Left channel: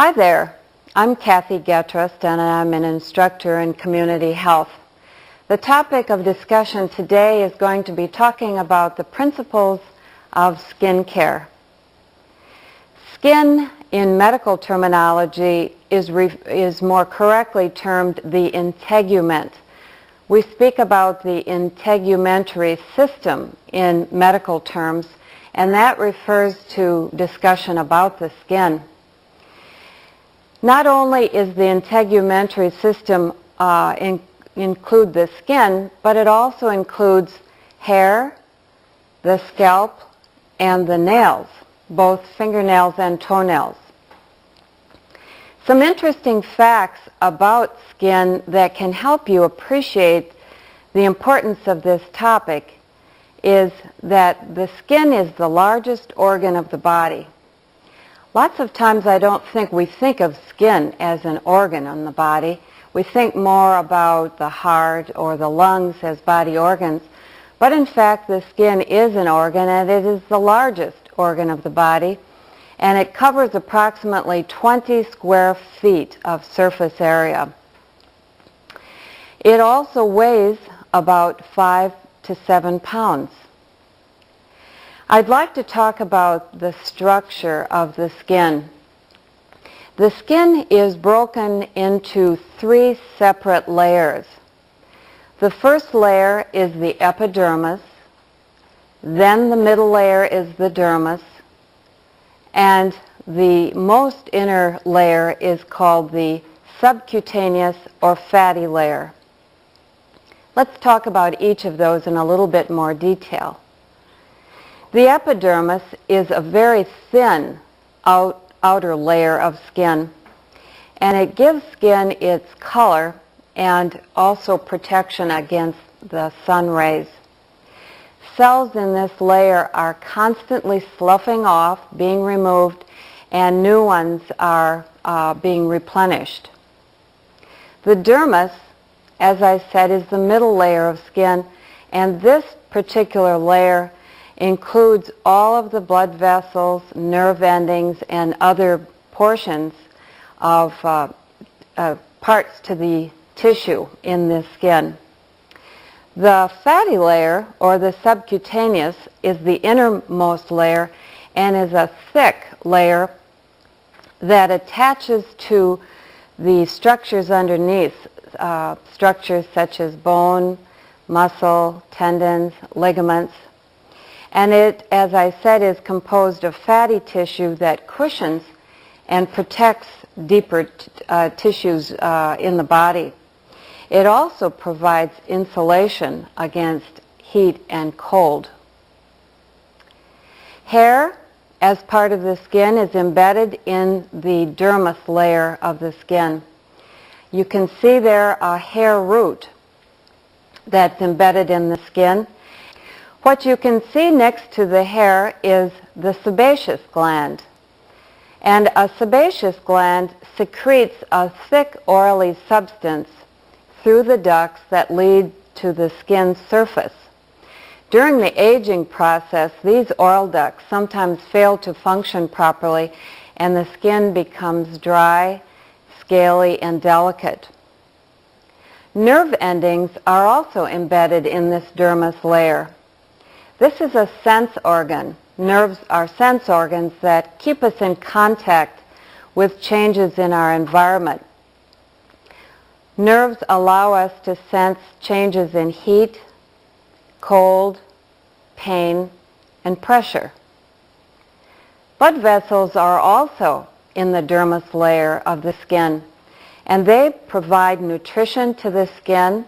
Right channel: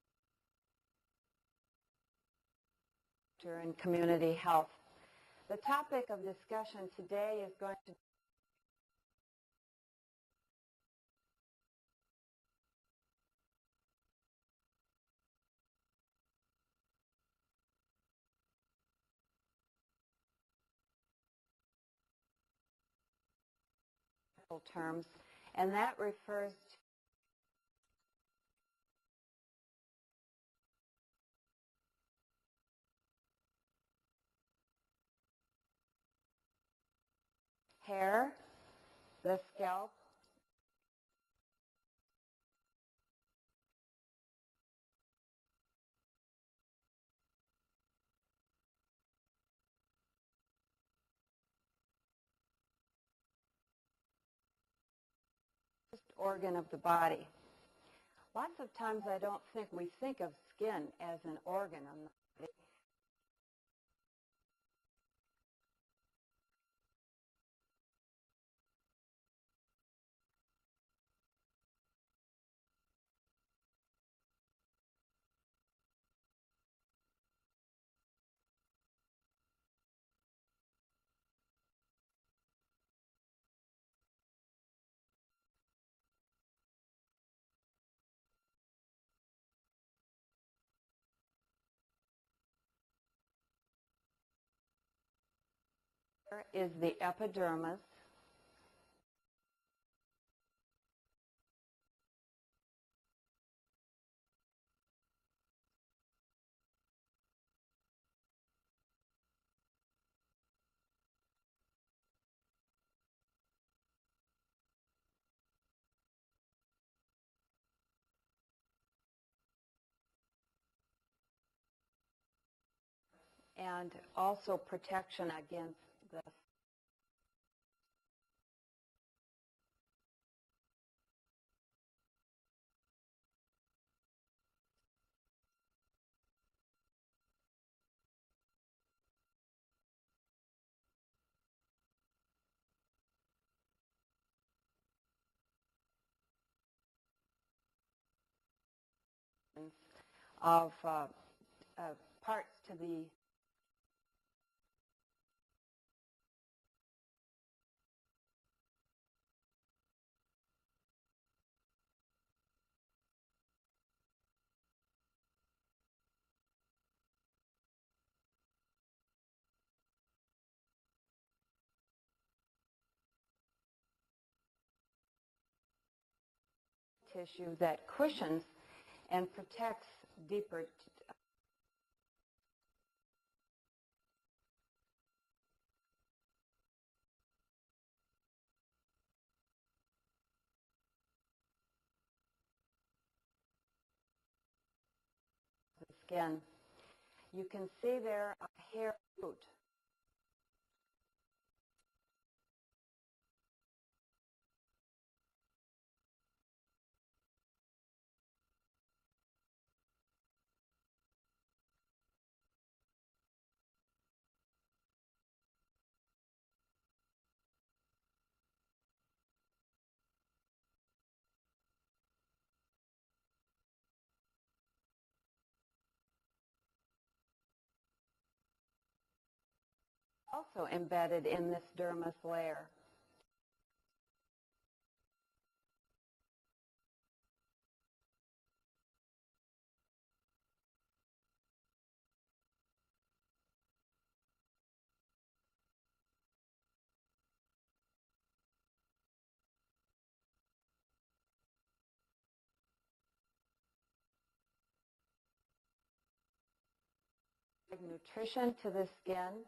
Hi there, I'm Kathy Getrust and I'm an instructor in community health. The topic of discussion today is going to be talking about the principles of skin care. Skin in medical terminology is more correctly termed the integument. We speak about the integumentary system in medical terms, and that refers to discussion about the skin. Not only is the integumentary system include the skin, but it also includes hair, the scalp, and the nails, both fingernails and toenails. Some interesting facts about skin that can help you appreciate the importance of this topic is that the skin is the largest organ of the body. Lots of times I don't think we think of skin as an organ on the body. We think more about the heart or the lungs as body organs, but in fact the skin is an organ and it is the largest organ of the body, and it covers approximately 20 square feet of surface area. It also weighs about 5 to 7 pounds. I'd like to talk about the structure of the skin. The skin is broken into 3 separate layers. The first layer is the epidermis, then the middle layer is the dermis, and the most inner layer is called the subcutaneous or fatty layer. Let's talk about each of those in a little bit more detail. The epidermis is a very thin outer layer of skin, and it gives skin its color and also protection against the sun rays. Cells in this layer are constantly sloughing off, being removed, and new ones are being replenished. The dermis, as I said, is the middle layer of skin, and this particular layer includes all of the blood vessels, nerve endings, and other portions of parts to the tissue in the skin. The fatty layer, or the subcutaneous, is the innermost layer and is a thick layer that attaches to the structures underneath, structures such as bone, muscle, tendons, ligaments. And it, as I said, is composed of fatty tissue that cushions and protects deeper tissues in the body. It also provides insulation against heat and cold. Hair, as part of the skin, is embedded in the dermis layer of the skin. You can see there a hair root that's embedded in the skin. What you can see next to the hair is the sebaceous gland. And a sebaceous gland secretes a thick oily substance through the ducts that lead to the skin surface. During the aging process, these oil ducts sometimes fail to function properly and the skin becomes dry, scaly, and delicate. Nerve endings are also embedded in this dermis layer. This is a sense organ. Nerves are sense organs that keep us in contact with changes in our environment. Nerves allow us to sense changes in heat, cold, pain, and pressure. Blood vessels are also in the dermis layer of the skin, and they provide nutrition to the skin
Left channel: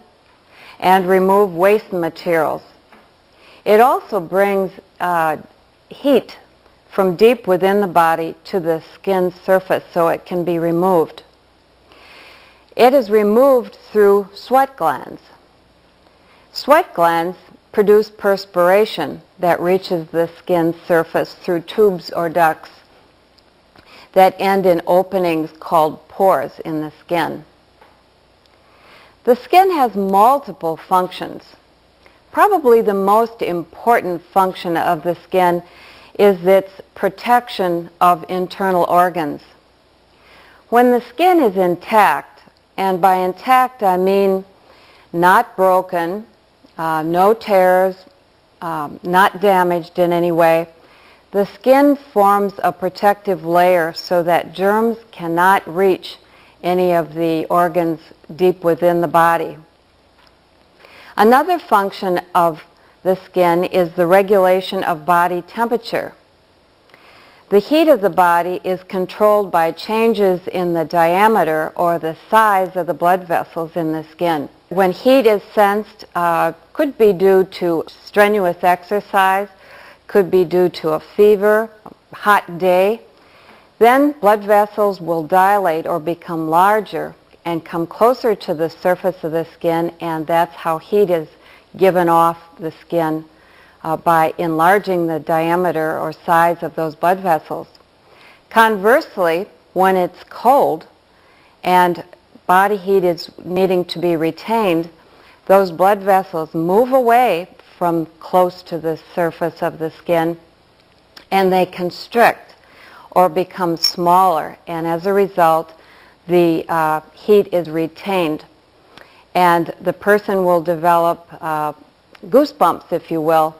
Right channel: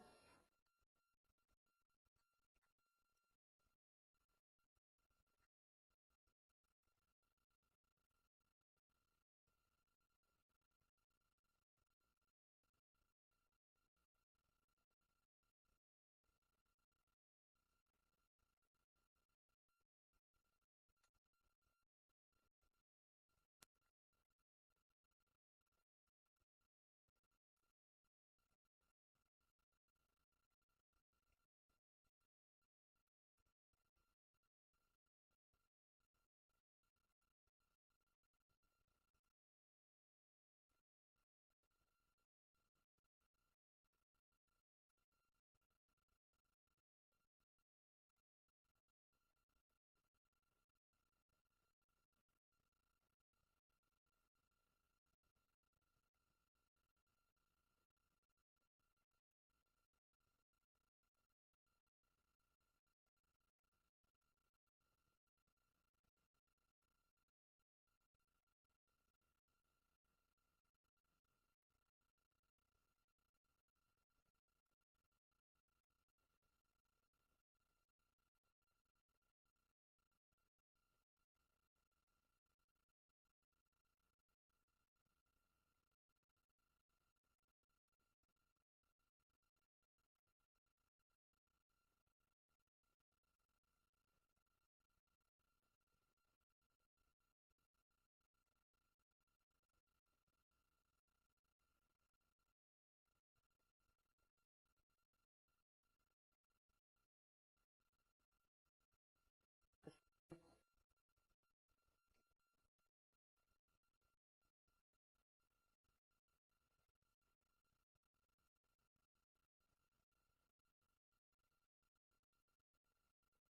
and remove waste materials. It also brings heat from deep within the body to the skin surface so it can be removed. It is removed through sweat glands. Sweat glands produce perspiration that reaches the skin surface through tubes or ducts that end in openings called pores in the skin. The skin has multiple functions. Probably the most important function of the skin is its protection of internal organs. When the skin is intact, and by intact I mean not broken, no tears, not damaged in any way, the skin forms a protective layer so that germs cannot reach any of the organs deep within the body. Another function of the skin is the regulation of body temperature. The heat of the body is controlled by changes in the diameter or the size of the blood vessels in the skin. When heat is sensed, could be due to strenuous exercise, could be due to a fever, a hot day, then blood vessels will dilate or become larger and come closer to the surface of the skin, and that's how heat is given off the skin by enlarging the diameter or size of those blood vessels. Conversely, when it's cold and body heat is needing to be retained, those blood vessels move away from close to the surface of the skin and they constrict or become smaller, and as a result the heat is retained and the person will develop goosebumps, if you will,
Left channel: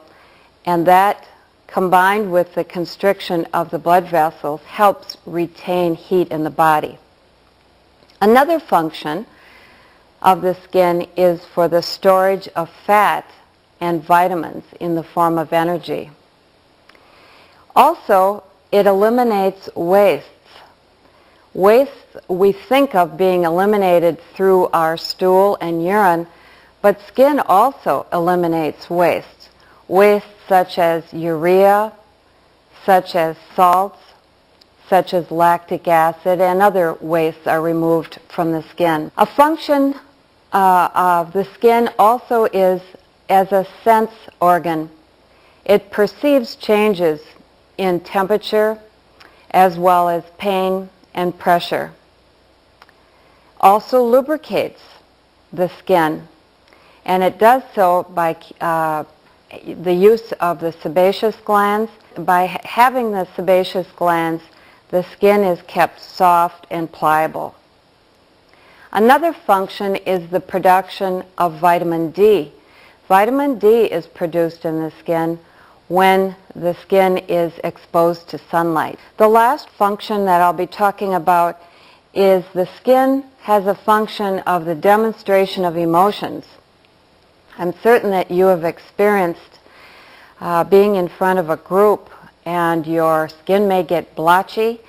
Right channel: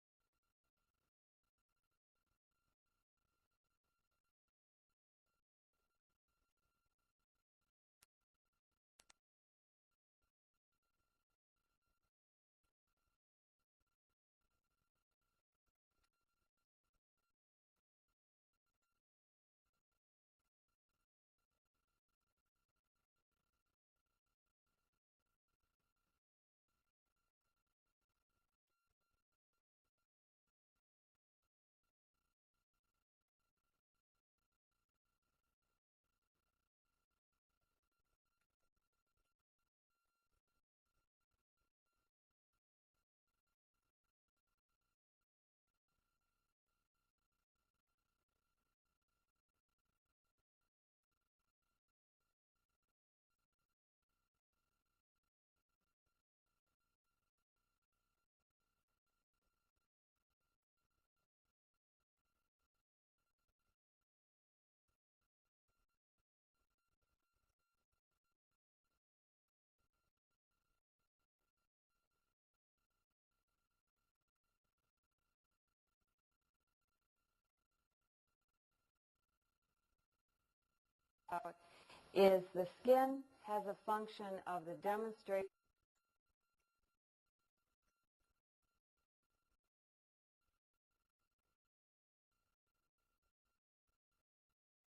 and that combined with the constriction of the blood vessels helps retain heat in the body. Another function of the skin is for the storage of fat and vitamins in the form of energy. Also, it eliminates wastes. Wastes we think of being eliminated through our stool and urine, but skin also eliminates wastes. Wastes such as urea, such as salts, such as lactic acid, and other wastes are removed from the skin. A function of the skin also is as a sense organ. It perceives changes in temperature as well as pain and pressure. Also lubricates the skin, and it does so by the use of the sebaceous glands. By having the sebaceous glands, the skin is kept soft and pliable. Another function is the production of vitamin D. Vitamin D is produced in the skin when the skin is exposed to sunlight. The last function that I'll be talking about is the skin has a function of the demonstration of emotions. I'm certain that you have experienced being in front of a group and your skin may get blotchy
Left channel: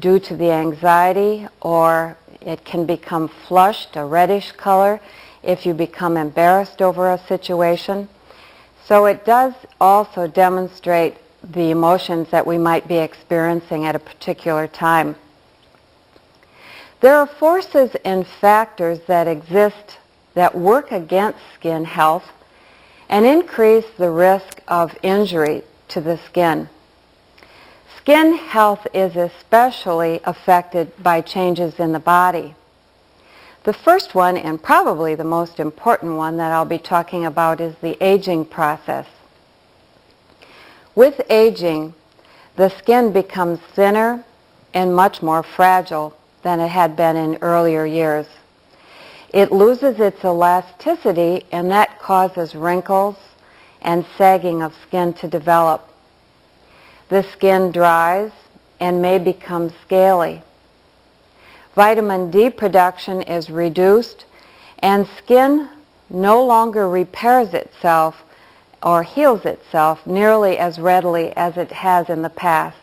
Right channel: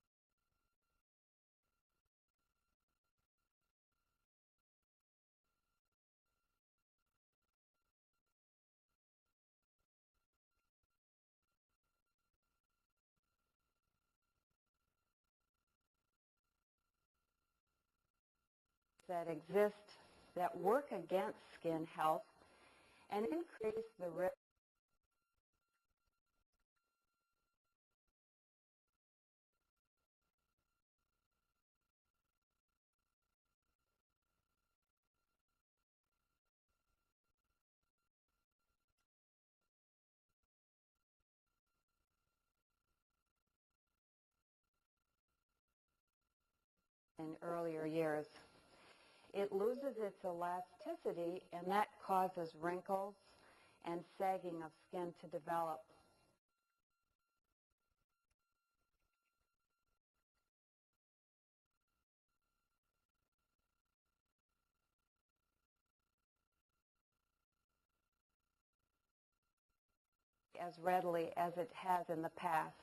due to the anxiety, or it can become flushed, a reddish color, if you become embarrassed over a situation. So it does also demonstrate the emotions that we might be experiencing at a particular time. There are forces and factors that exist that work against skin health and increase the risk of injury to the skin. Skin health is especially affected by changes in the body. The first one, and probably the most important one that I'll be talking about, is the aging process. With aging, the skin becomes thinner and much more fragile than it had been in earlier years. It loses its elasticity, and that causes wrinkles and sagging of skin to develop. The skin dries and may become scaly. Vitamin D production is reduced, and skin no longer repairs itself or heals itself nearly as readily as it has in the past.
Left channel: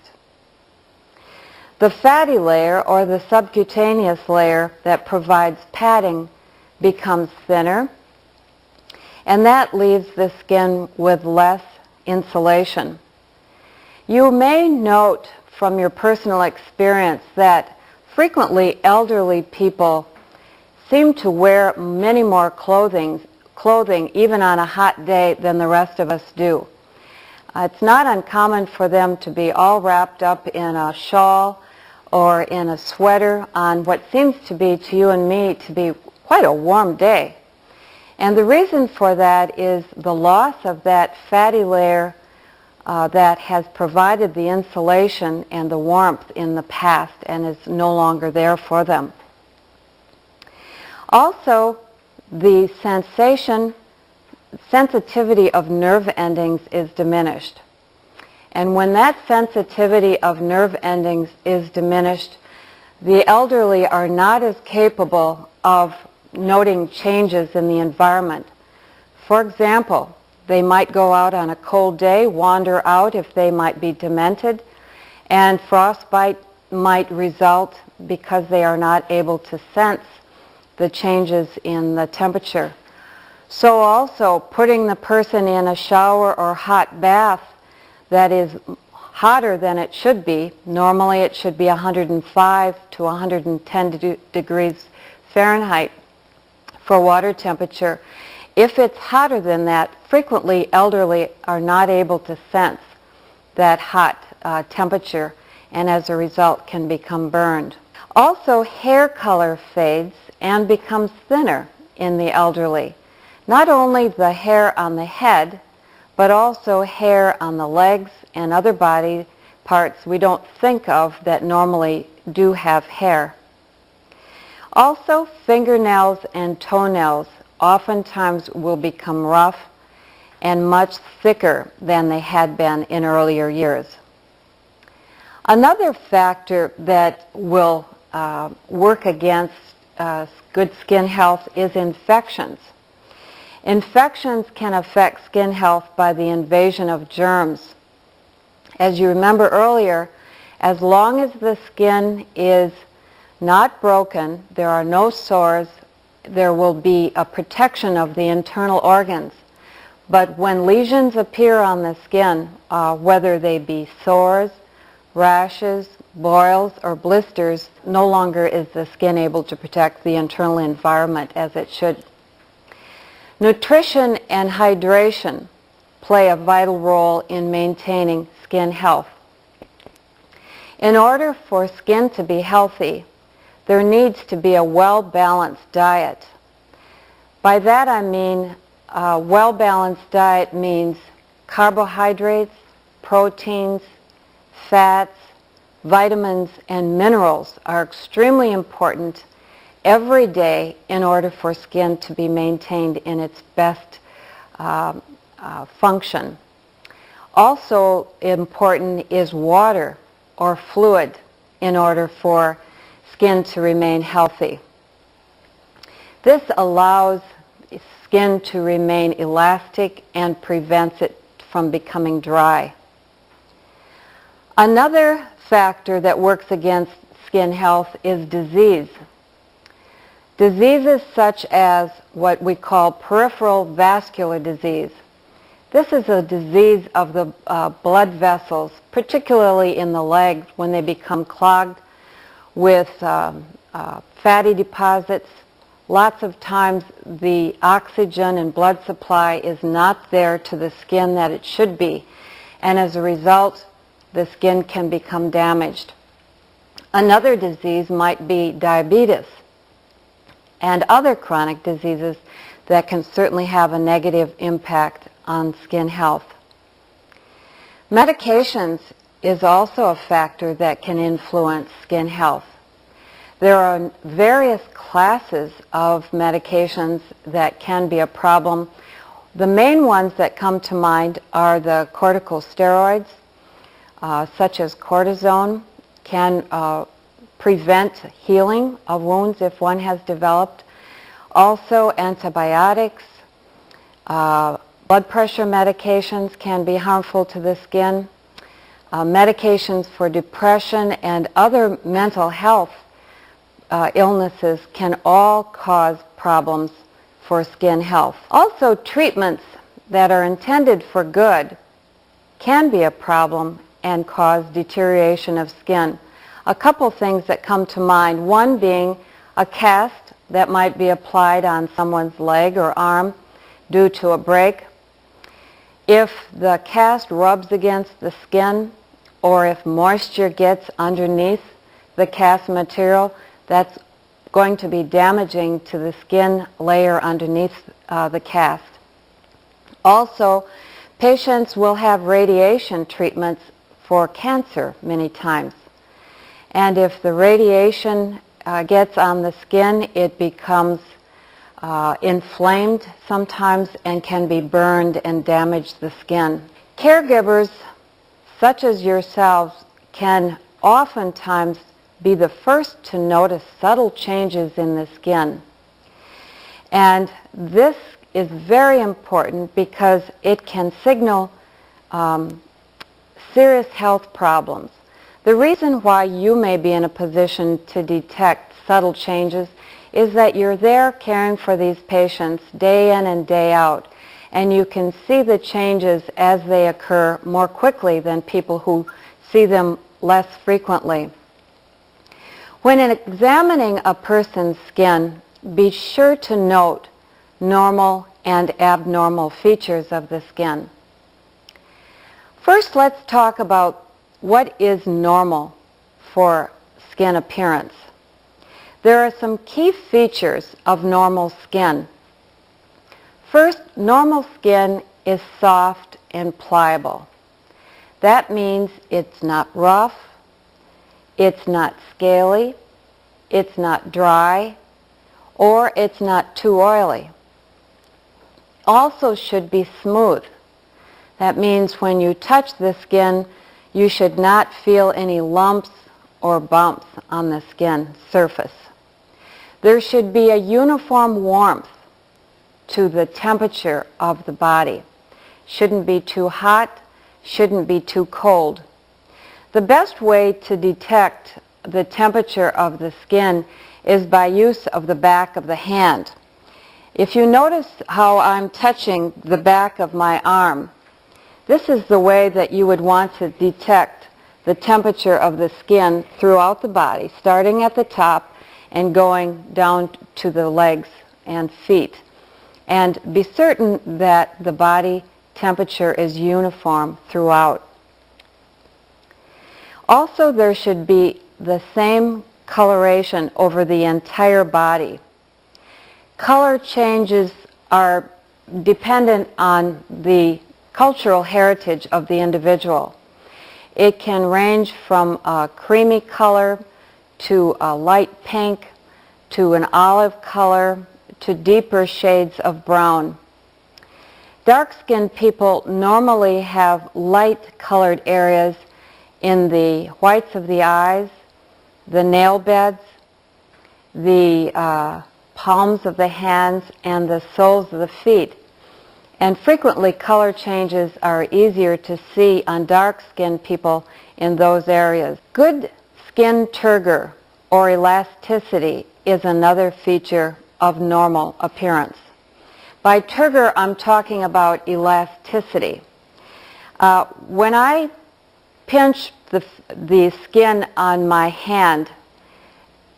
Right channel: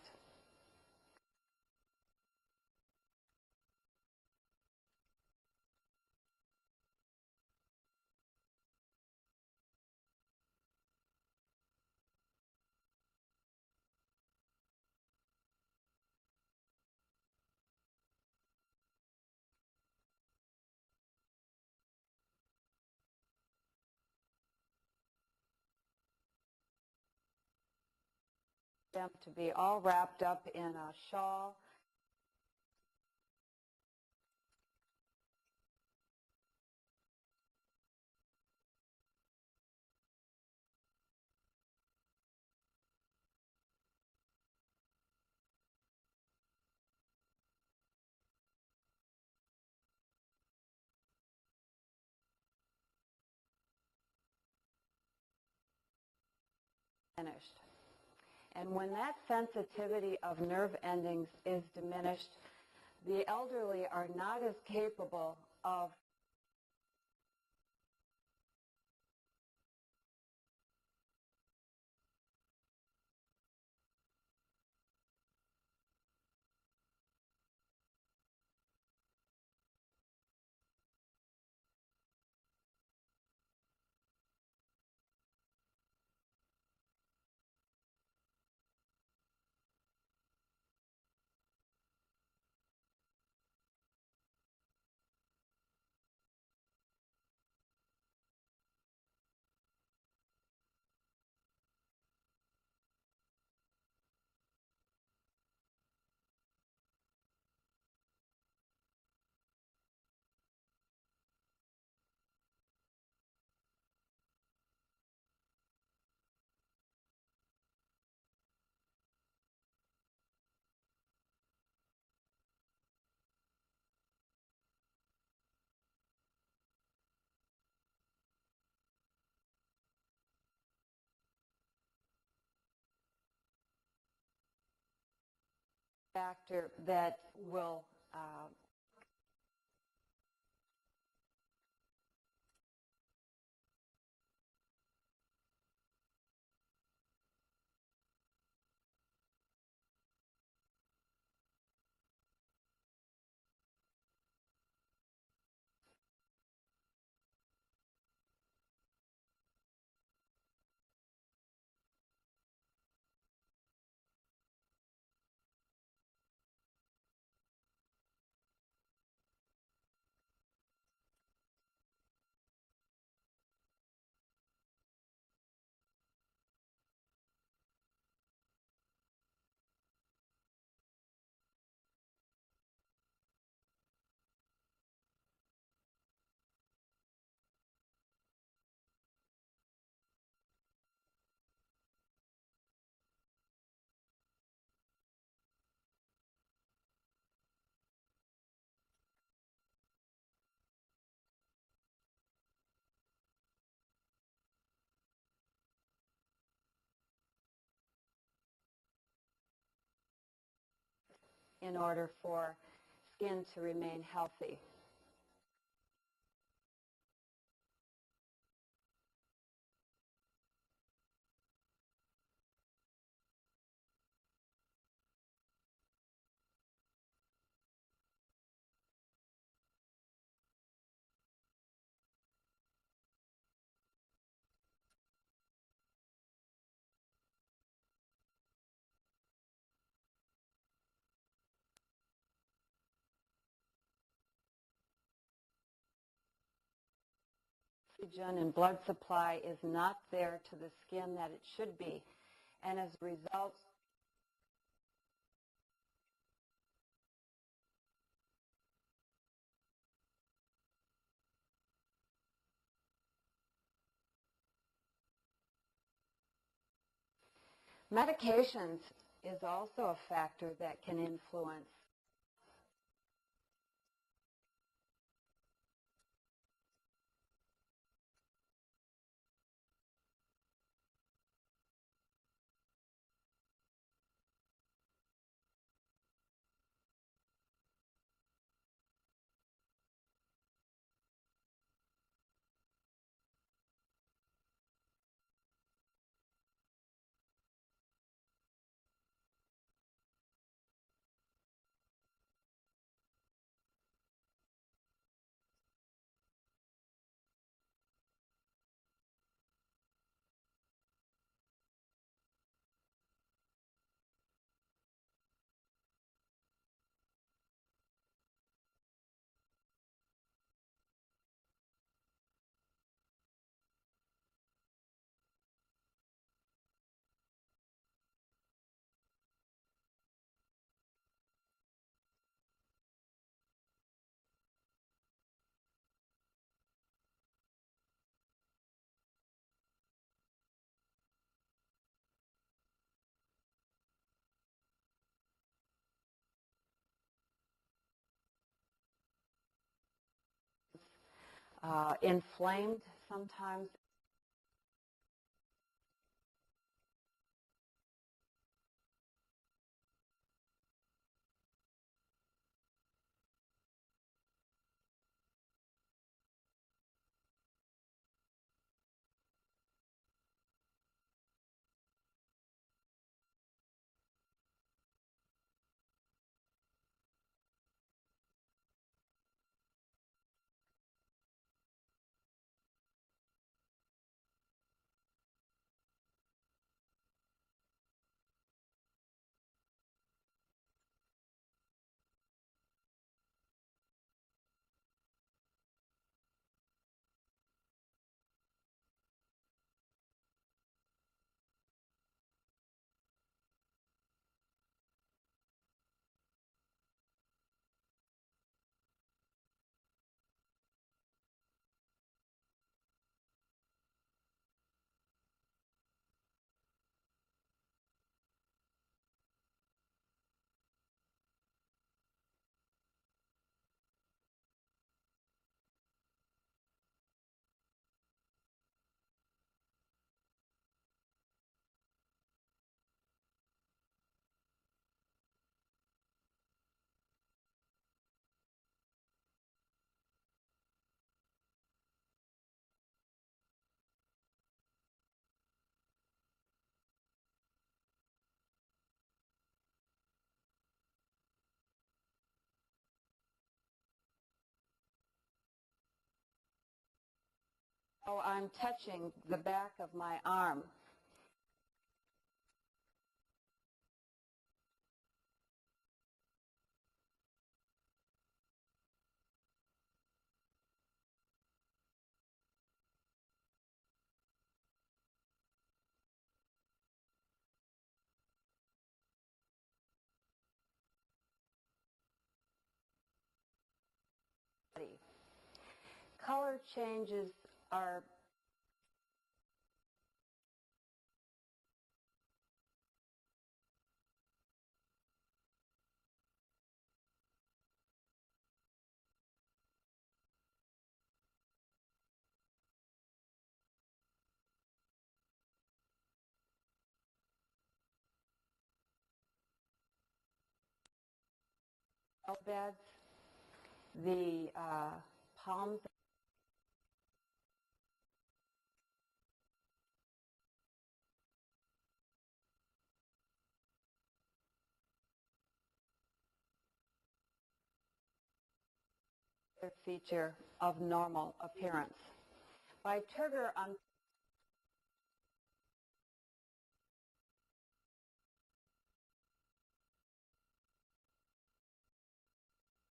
The fatty layer, or the subcutaneous layer that provides padding, becomes thinner, and that leaves the skin with less insulation. You may note from your personal experience that frequently elderly people seem to wear many more clothing even on a hot day than the rest of us do. It's not uncommon for them to be all wrapped up in a shawl or in a sweater on what seems to be, to you and me, to be quite a warm day. And the reason for that is the loss of that fatty layer that has provided the insulation and the warmth in the past and is no longer there for them. Also, the sensitivity of nerve endings is diminished. And when that sensitivity of nerve endings is diminished, the elderly are not as capable of noting changes in the environment. For example, they might go out on a cold day, wander out if they might be demented, and frostbite might result because they are not able to sense the changes in the temperature. So also putting the person in a shower or hot bath that is hotter than it should be. Normally it should be 105 to 110 degrees Fahrenheit for water temperature. If it's hotter than that, frequently elderly are not able to sense that hot temperature, and as a result can become burned. Also, hair color fades and becomes thinner in the elderly. Not only the hair on the head, but also hair on the legs and other body parts we don't think of that normally do have hair. Also, fingernails and toenails oftentimes will become rough and much thicker than they had been in earlier years. Another factor that will work against good skin health is infections. Infections can affect skin health by the invasion of germs. As you remember earlier, as long as the skin is not broken, there are no sores, there will be a protection of the internal organs. But when lesions appear on the skin, whether they be sores, rashes, boils, or blisters, no longer is the skin able to protect the internal environment as it should. Nutrition and hydration play a vital role in maintaining skin health. In order for skin to be healthy, there needs to be a well-balanced diet. By that I mean a well-balanced diet means carbohydrates, proteins, fats, vitamins, and minerals are extremely important every day in order for skin to be maintained in its best function. Also important is water or fluid in order for skin to remain healthy. This allows skin to remain elastic and prevents it from becoming dry. Another factor that works against skin health is disease. Diseases such as what we call peripheral vascular disease. This is a disease of the blood vessels, particularly in the legs when they become clogged with fatty deposits. Lots of times the oxygen and blood supply is not there to the skin that it should be, and as a result the skin can become damaged. Another disease might be diabetes and other chronic diseases that can certainly have a negative impact on skin health. Medications is also a factor that can influence skin health. There are various classes of medications that can be a problem. The main ones that come to mind are the corticosteroids, such as cortisone, can prevent healing of wounds if one has developed. Also antibiotics, blood pressure medications can be harmful to the skin. Medications for depression and other mental health illnesses can all cause problems for skin health. Also, treatments that are intended for good can be a problem and cause deterioration of skin. A couple things that come to mind, one being a cast that might be applied on someone's leg or arm due to a break. If the cast rubs against the skin or if moisture gets underneath the cast material, that's going to be damaging to the skin layer underneath the cast. Also, Patients will have radiation treatments for cancer many times. And if the radiation gets on the skin, it becomes inflamed sometimes and can be burned and damage the skin. Caregivers, such as yourselves, can oftentimes be the first to notice subtle changes in the skin. And this is very important because it can signal serious health problems. The reason why you may be in a position to detect subtle changes is that you're there caring for these patients day in and day out, and you can see the changes as they occur more quickly than people who see them less frequently. When examining a person's skin, be sure to note normal and abnormal features of the skin. First, let's talk about what is normal for skin appearance. There are some key features of normal skin. First, normal skin is soft and pliable. That means it's not rough, it's not scaly, it's not dry, or it's not too oily. Also should be smooth. That means when you touch the skin, you should not feel any lumps or bumps on the skin surface. There should be a uniform warmth to the temperature of the body. Shouldn't be too hot, shouldn't be too cold. The best way to detect the temperature of the skin is by use of the back of the hand. If you notice how I'm touching the back of my arm, this is the way that you would want to detect the temperature of the skin throughout the body, starting at the top and going down to the legs and feet. And be certain that the body temperature is uniform throughout. Also, there should be the same coloration over the entire body. Color changes are dependent on the cultural heritage of the individual. It can range from a creamy color to a light pink to an olive color to deeper shades of brown. Dark-skinned people normally have light-colored areas in the whites of the eyes, the nail beds, the palms of the hands, and the soles of the feet. And frequently color changes are easier to see on dark-skinned people in those areas. Good skin turgor or elasticity is another feature of normal appearance. By turgor, I'm talking about elasticity. When I pinch the skin on my hand,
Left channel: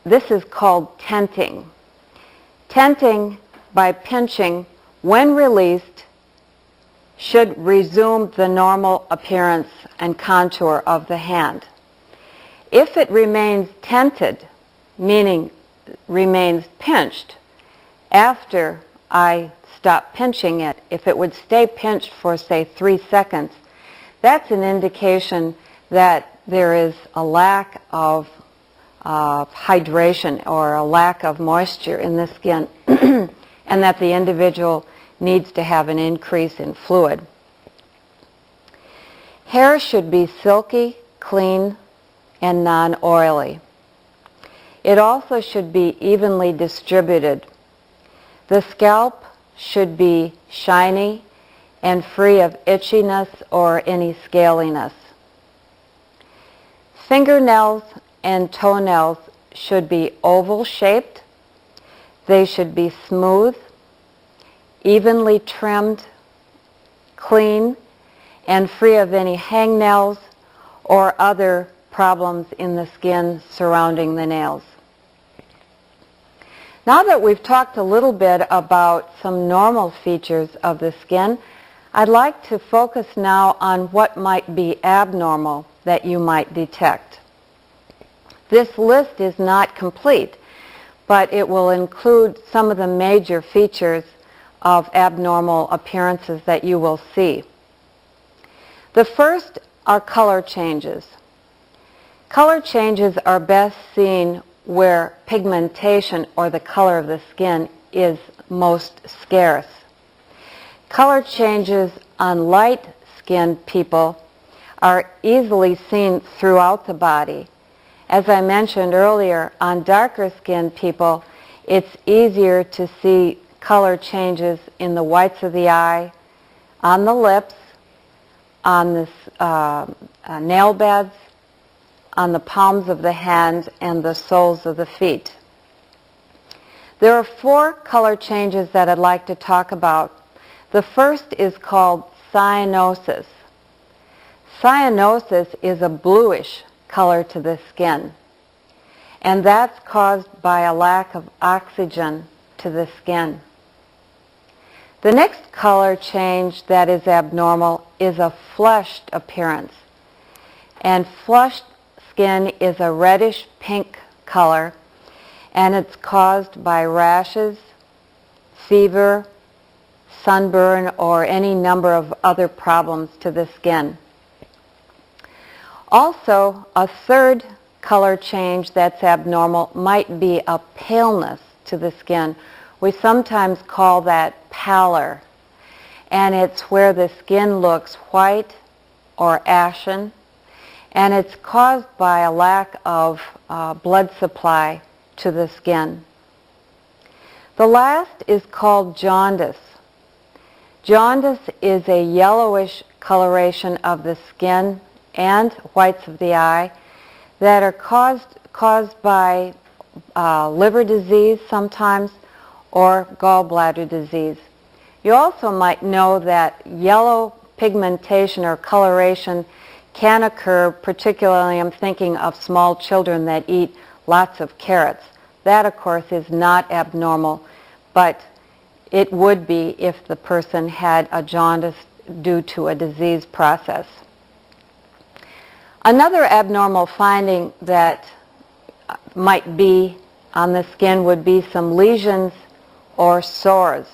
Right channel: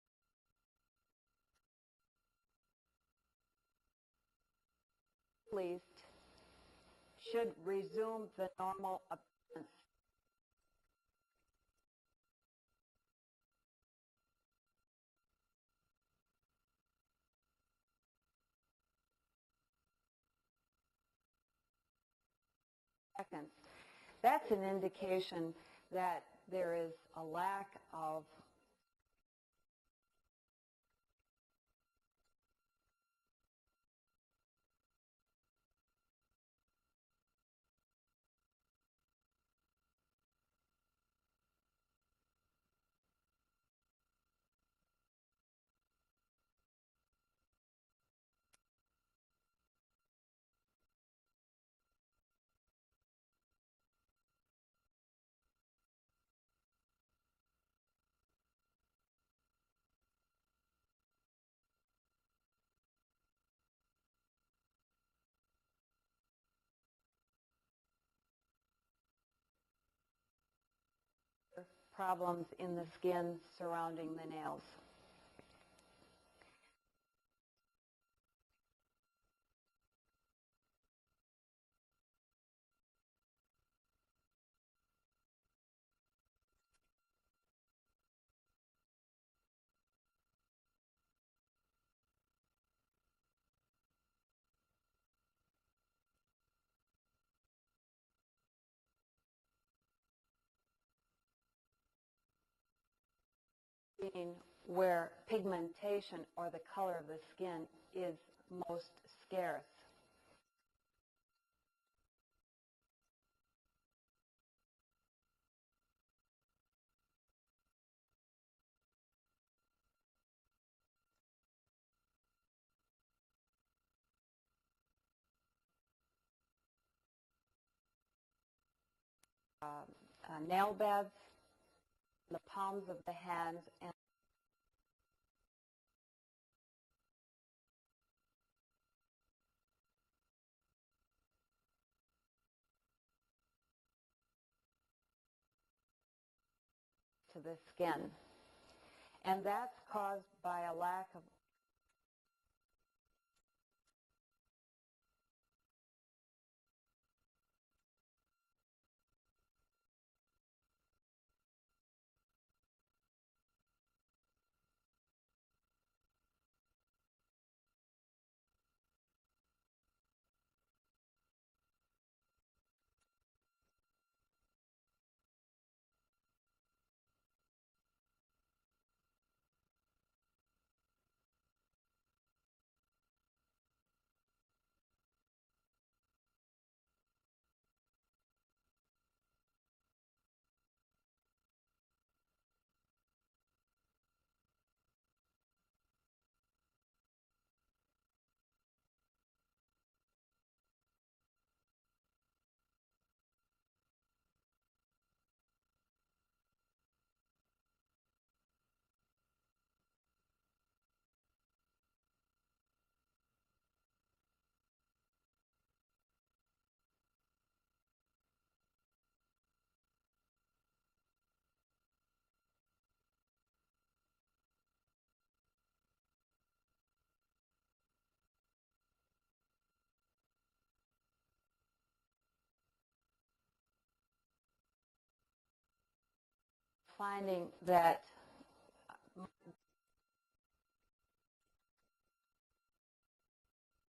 this is called tenting. Tenting, by pinching, when released, should resume the normal appearance and contour of the hand. If it remains tented, meaning remains pinched, after I stop pinching it, if it would stay pinched for, say, 3 seconds, that's an indication that there is a lack of hydration or a lack of moisture in the skin and that the individual needs to have an increase in fluid. Hair should be silky, clean, and non-oily. It also should be evenly distributed. The scalp should be shiny and free of itchiness or any scaliness. Fingernails and toenails should be oval-shaped. They should be smooth, evenly trimmed, clean, and free of any hangnails or other problems in the skin surrounding the nails. Now that we've talked a little bit about some normal features of the skin, I'd like to focus now on what might be abnormal that you might detect. This list is not complete, but it will include some of the major features of abnormal appearances that you will see. The first are color changes. Color changes are best seen where pigmentation, or the color of the skin, is most scarce. Color changes on light-skinned people are easily seen throughout the body. As I mentioned earlier, on darker-skinned people, it's easier to see color changes in the whites of the eye, on the lips, on the nail beds, on the palms of the hand, and the soles of the feet. There are 4 color changes that I'd like to talk about. The first is called cyanosis. Cyanosis is a bluish color to the skin, and that's caused by a lack of oxygen to the skin. The next color change that is abnormal is a flushed appearance, and flushed skin is a reddish pink color, and it's caused by rashes, fever, sunburn, or any number of other problems to the skin. Also, a third color change that's abnormal might be a paleness to the skin. We sometimes call that pallor, and it's where the skin looks white or ashen, and it's caused by a lack of blood supply to the skin. The last is called jaundice. Jaundice is a yellowish coloration of the skin and whites of the eye that are caused by liver disease sometimes, or gallbladder disease. You also might know that yellow pigmentation or coloration can occur, particularly I'm thinking of small children that eat lots of carrots. That, of course, is not abnormal, but it would be if the person had a jaundice due to a disease process. Another abnormal finding that might be on the skin would be some lesions or sores.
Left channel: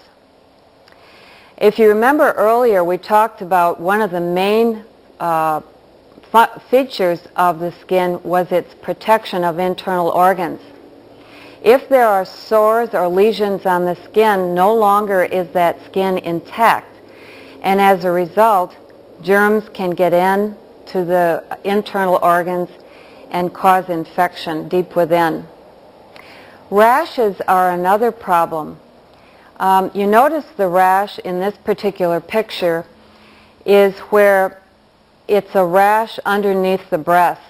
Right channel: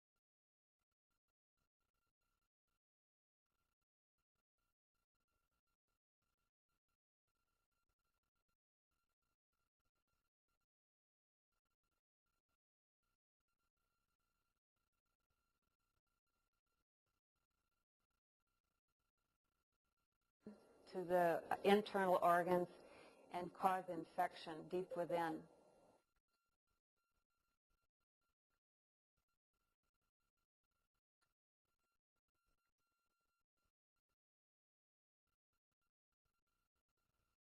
If you remember earlier, we talked about one of the main features of the skin was its protection of internal organs. If there are sores or lesions on the skin, no longer is that skin intact, and as a result, germs can get in to the internal organs and cause infection deep within. Rashes are another problem. You notice the rash in this particular picture is where it's a rash underneath the breast.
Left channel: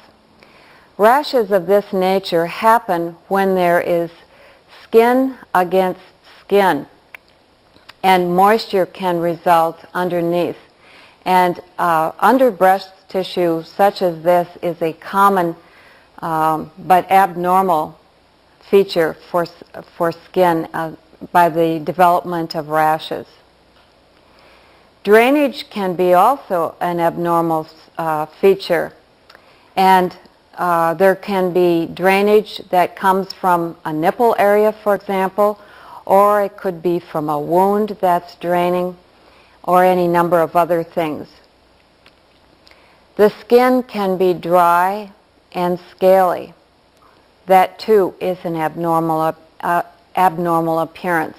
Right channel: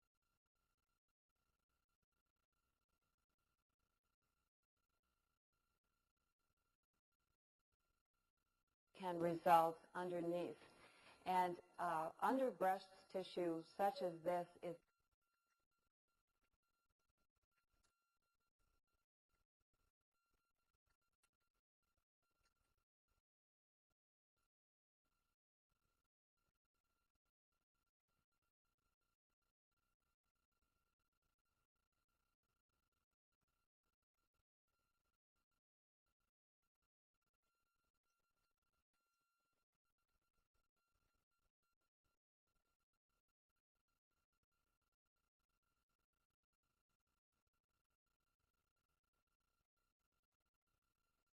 Rashes of this nature happen when there is skin against skin, and moisture can result underneath. And under breast tissue such as this is a common but abnormal feature for skin by the development of rashes. Drainage can be also an abnormal feature, and there can be drainage that comes from a nipple area, for example, or it could be from a wound that's draining, or any number of other things. The skin can be dry and scaly. That too is an abnormal appearance.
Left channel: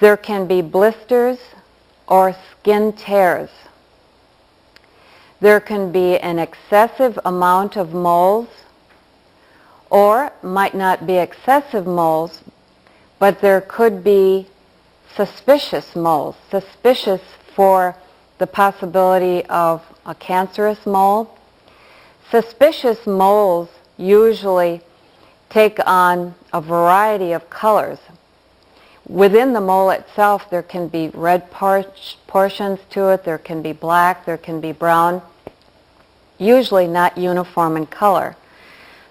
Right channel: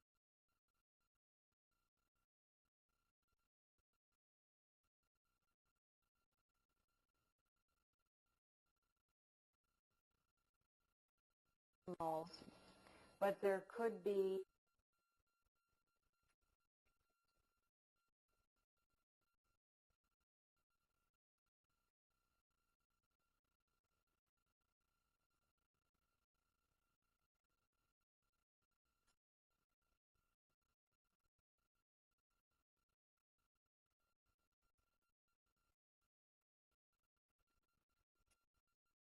There can be blisters or skin tears. There can be an excessive amount of moles, or might not be excessive moles, but there could be suspicious moles, suspicious for the possibility of a cancerous mole. Suspicious moles usually take on a variety of colors. Within the mole itself, there can be red portions to it, there can be black, there can be brown, usually not uniform in color.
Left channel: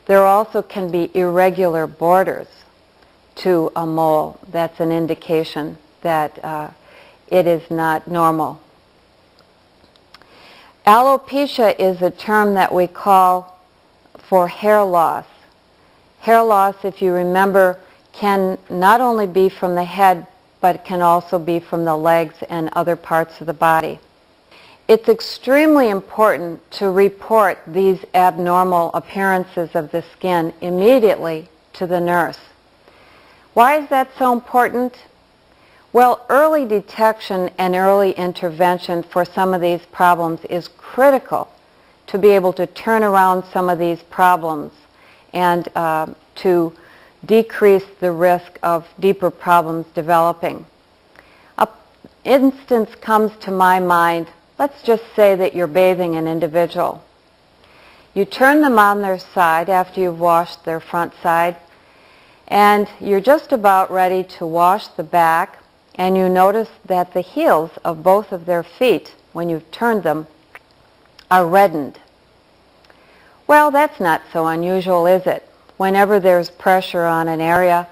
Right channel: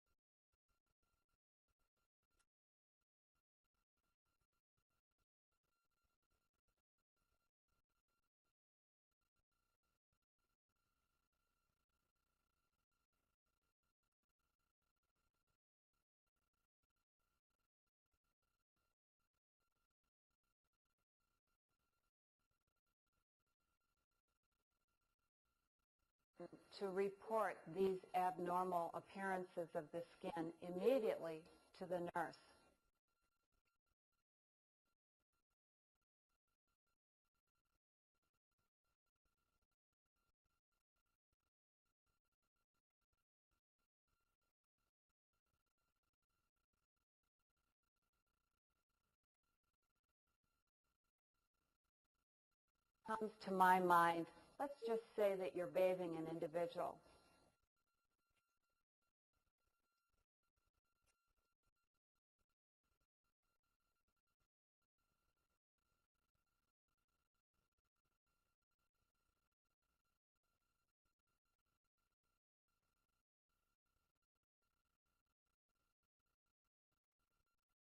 There also can be irregular borders to a mole. That's an indication that it is not normal. Alopecia is a term that we call for hair loss. Hair loss, if you remember, can not only be from the head, but can also be from the legs and other parts of the body. It's extremely important to report these abnormal appearances of the skin immediately to the nurse. Why is that so important? Well, early detection and early intervention for some of these problems is critical to be able to turn around some of these problems and to decrease the risk of deeper problems developing. An instance comes to my mind. Let's just say that you're bathing an individual. You turn them on their side after you've washed their front side, and you're just about ready to wash the back, and you notice that the heels of both of their feet, when you've turned them, are reddened. Well, that's not so unusual, is it? Whenever there's pressure on an area,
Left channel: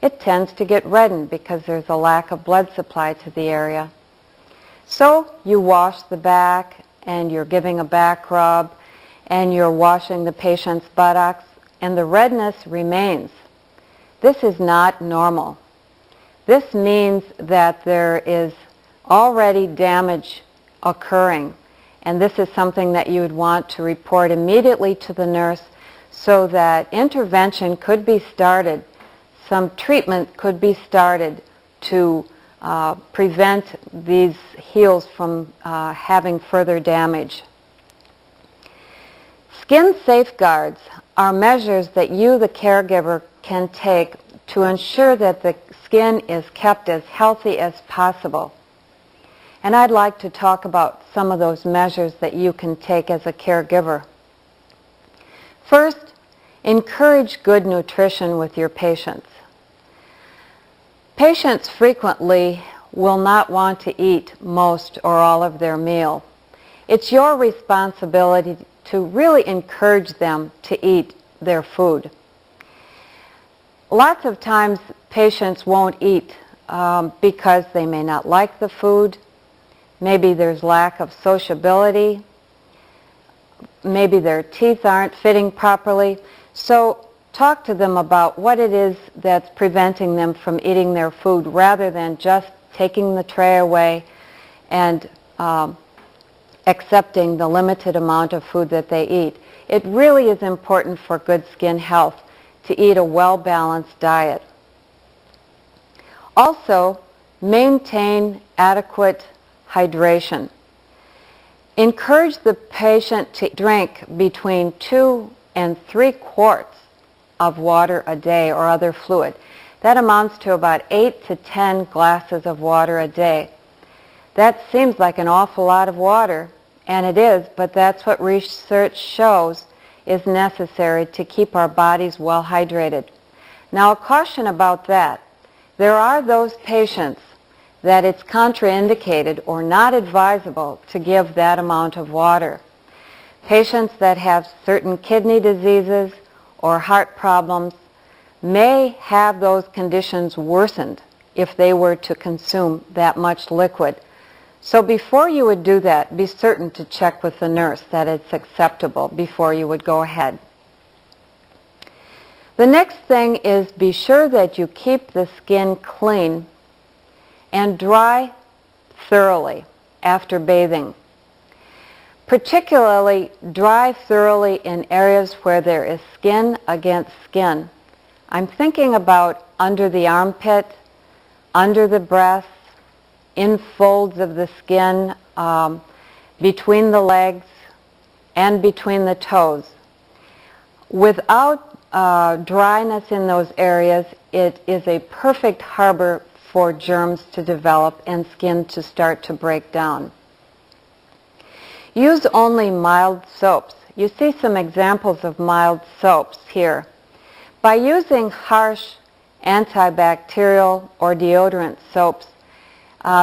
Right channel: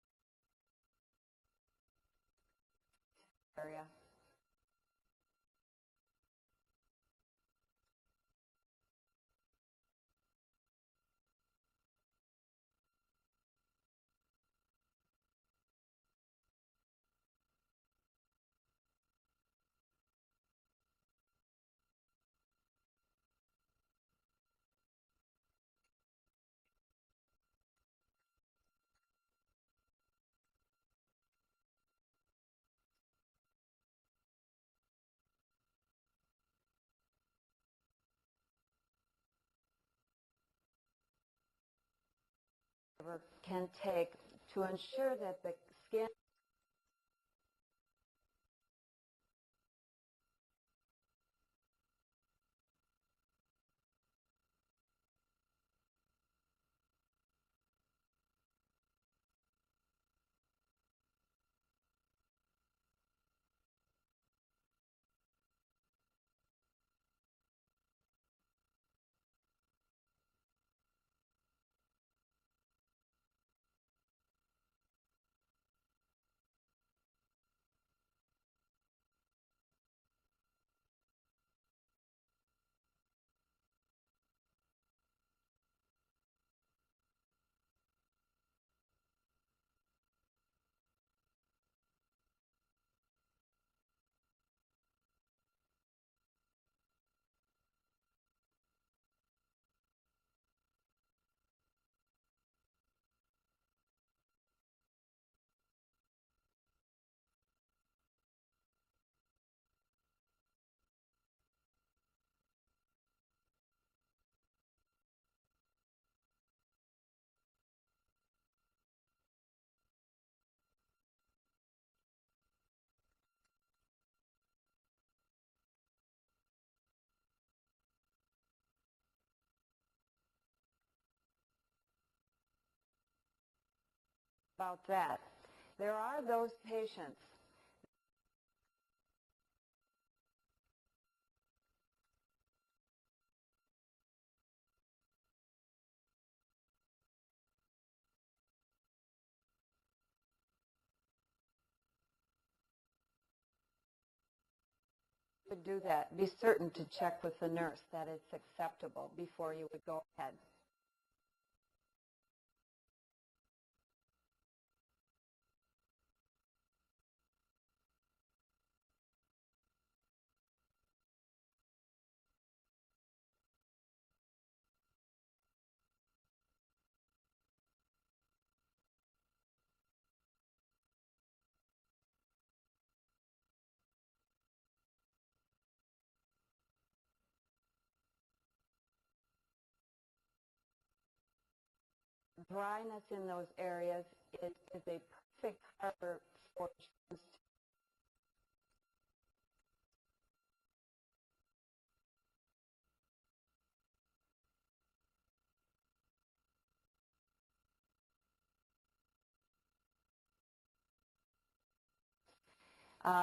it tends to get reddened because there's a lack of blood supply to the area. So you wash the back, and you're giving a back rub, and you're washing the patient's buttocks, and the redness remains. This is not normal. This means that there is already damage occurring, and this is something that you would want to report immediately to the nurse so that intervention could be started, some treatment could be started to prevent these heels from having further damage. Skin safeguards are measures that you, the caregiver, can take to ensure that the skin is kept as healthy as possible. And I'd like to talk about some of those measures that you can take as a caregiver. First, encourage good nutrition with your patients. Patients frequently will not want to eat most or all of their meal. It's your responsibility to really encourage them to eat their food. Lots of times patients won't eat because they may not like the food. Maybe there's lack of sociability. Maybe their teeth aren't fitting properly. So talk to them about what it is that's preventing them from eating their food rather than just taking the tray away and accepting the limited amount of food that they eat. It really is important for good skin health to eat a well-balanced diet. Also, maintain adequate hydration. Encourage the patient to drink between 2 and 3 quarts of water a day or other fluid. That amounts to about 8 to 10 glasses of water a day. That seems like an awful lot of water, and it is, but that's what research shows is necessary to keep our bodies well hydrated. Now, a caution about that. There are those patients that it's contraindicated or not advisable to give that amount of water. Patients that have certain kidney diseases or heart problems may have those conditions worsened if they were to consume that much liquid. So before you would do that, be certain to check with the nurse that it's acceptable before you would go ahead. The next thing is be sure that you keep the skin clean and dry thoroughly after bathing. Particularly dry thoroughly in areas where there is skin against skin. I'm thinking about under the armpit, under the breast, in folds of the skin, between the legs, and between the toes. Without dryness in those areas, it is a perfect harbor for germs to develop and skin to start to break down. Use only mild soaps. You see some examples of mild soaps here. By using harsh antibacterial or deodorant soaps,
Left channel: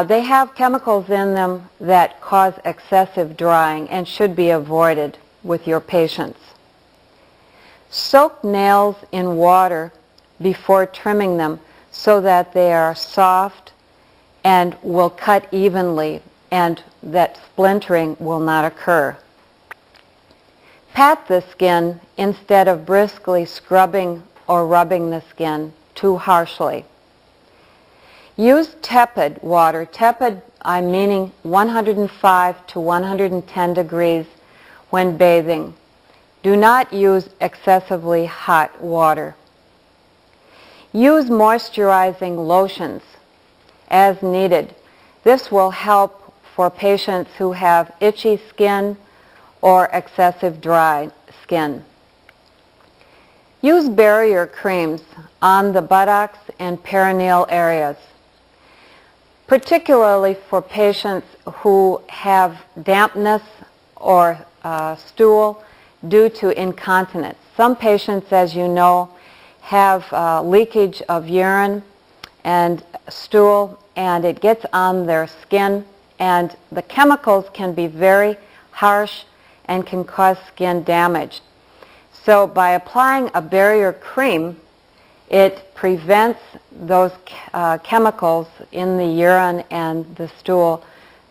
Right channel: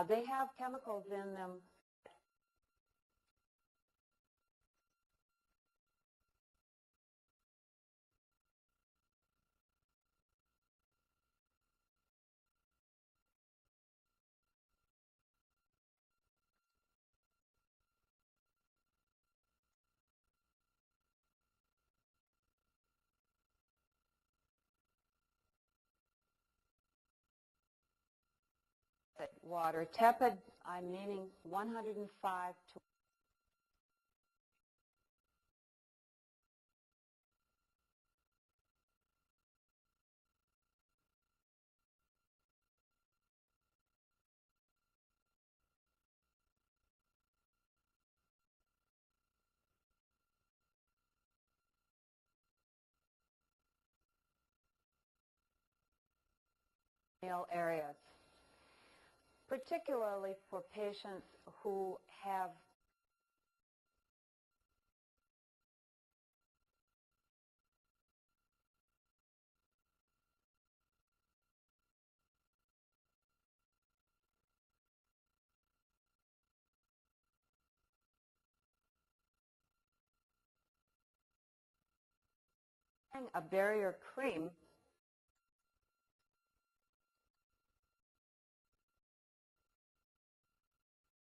they have chemicals in them that cause excessive drying and should be avoided with your patients. Soak nails in water before trimming them so that they are soft and will cut evenly and that splintering will not occur. Pat the skin instead of briskly scrubbing or rubbing the skin too harshly. Use tepid water. Tepid, I'm meaning 105 to 110 degrees when bathing. Do not use excessively hot water. Use moisturizing lotions as needed. This will help for patients who have itchy skin or excessive dry skin. Use barrier creams on the buttocks and perineal areas, particularly for patients who have dampness or stool due to incontinence. Some patients, as you know, have leakage of urine and stool, and it gets on their skin, and the chemicals can be very harsh and can cause skin damage. So by applying a barrier cream, it prevents those chemicals in the urine and the stool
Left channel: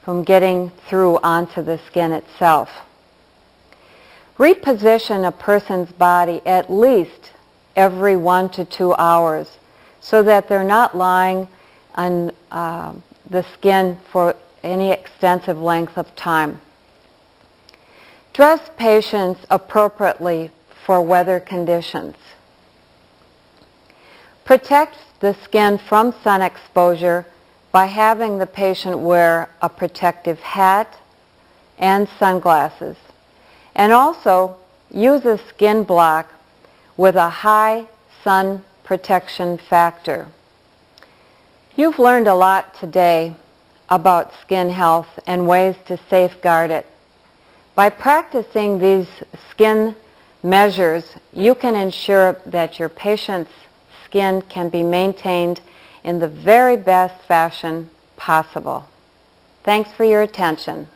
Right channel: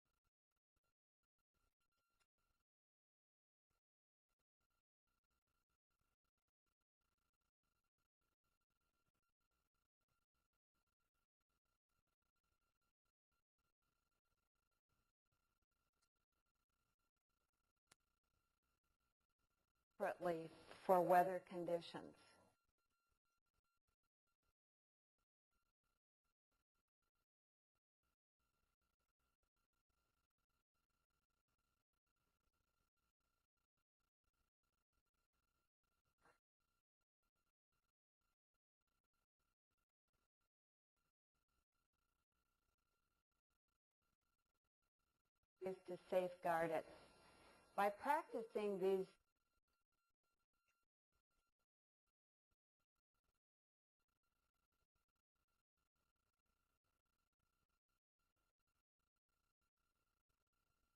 from getting through onto the skin itself. Reposition a person's body at least every 1 to 2 hours so that they're not lying on the skin for any extensive length of time. Dress patients appropriately for weather conditions. Protect the skin from sun exposure by having the patient wear a protective hat and sunglasses. And also use a skin block with a high sun protection factor. You've learned a lot today about skin health and ways to safeguard it. By practicing these skin measures, you can ensure that your patient's skin can be maintained in the very best fashion possible. Thanks for your attention.